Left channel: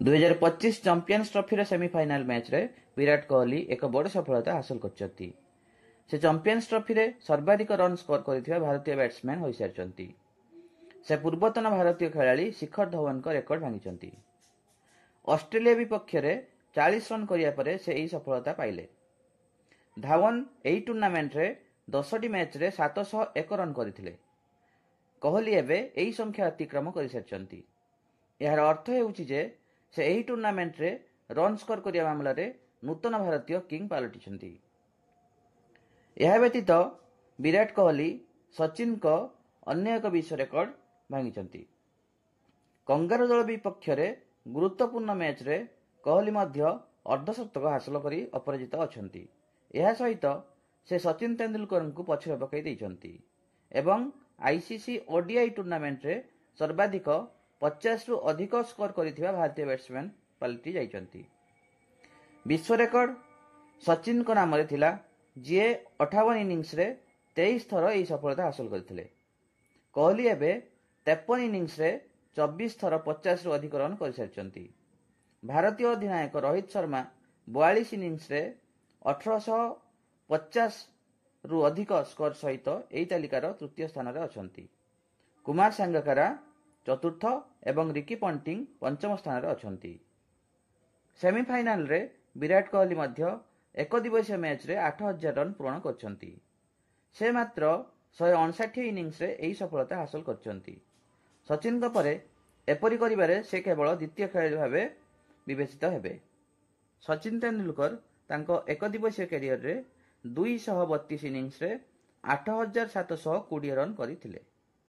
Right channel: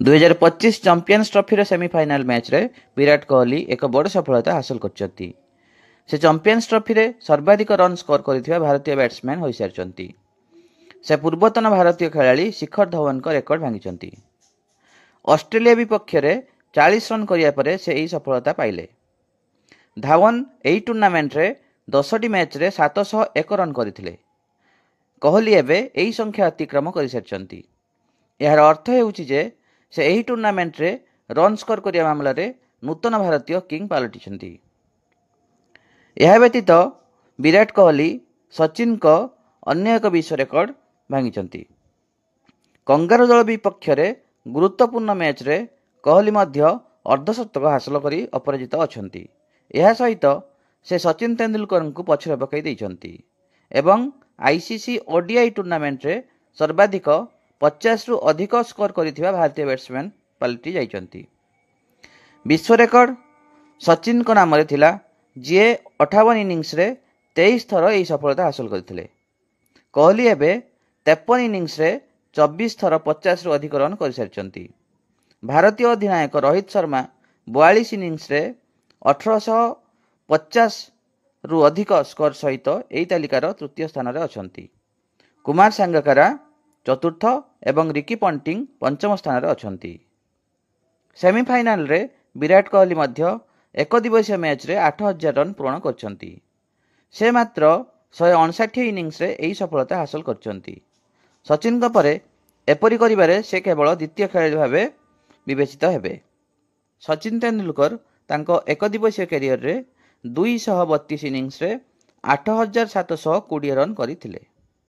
2025 champions trophy semifinal match रे विराट कोहली एक बड़ सफलता हासिल करछंती। से चैंपियंस ट्रॉफी रे सर्वाधिक रन स्कोर करथिबा भारतीय बैट्समैन होई सारछंती। से पूर्वतन भारतीय खेलाड़ी शिखर धवन को रेकर्ड भांगिछंती। ऑस्ट्रेलिया विपक्ष रे 40 रन करिया परे से एही सफलता पाइले। धवन एही टूर्नामेंट रे 10टी मैच रे 701 रन करथिले। कोहली एबे एही संख्या अतिक्रम करि सारछंती। यार अर्थ हेउछि जे से एही टूर्नामेंट रे रन स्कोर करिया मामला रे नूतन भारतीय किंग पालटिछंती। यह व्यतीत विराट कोहली सचिन को अन्य एक विश्व रेकर्ड भांगिछंती। कंगारू दल विपक्ष रे गुरुत्वपूर्ण मैच रे कोहली मध्य अर्धशतक हासिल करी अपराजित अछंती। यह सहित से सचिन तेंदुलकर को पछरे पकाई दैछंती एवं आईसीसी ओडीआई टूर्नामेंट रे सर्वाधिक 50 रु अधिक स्कोर करिथिबा भारतीय बैट्समैन पलटि जाइछंती। विश्व रेकर्ड सचिन को नाम रे थिला, जे 58 इनिंग्स रे 23 थर एही सफलता हासिल करथिले। कोहली एबे 53 इनिंग्स रे 24 थर 50 रु अधिक रन कर सारछंती। भारतीय अधिनायक रोहित शर्मा 42 इनिंग्स रे 1850 रु अधिक स्कोर सहित एही तालिकार तृतीय स्थान रे अछंती। कुमार सांगकारा चतुर्थ एवं रिकी पंटिंग पंचम स्थान रे अछंती। सेमीफाइनल रे विराट कोहली मध्य एक दिवसीय मैच रे 8000 रन पूर्ण करछंती। से मात्र 159 इनिंग्स रे एही सफलता हासिल करछंती। सचिन को परे एपरि करिबारे से केवल द्वितीय खेलाड़ी भाबे विवेचित हेबे। सचिन तेंदुलकर तांको एक दिवसीय कैरियर रे 232 इनिंग्स रे 8720 रन करिथिले।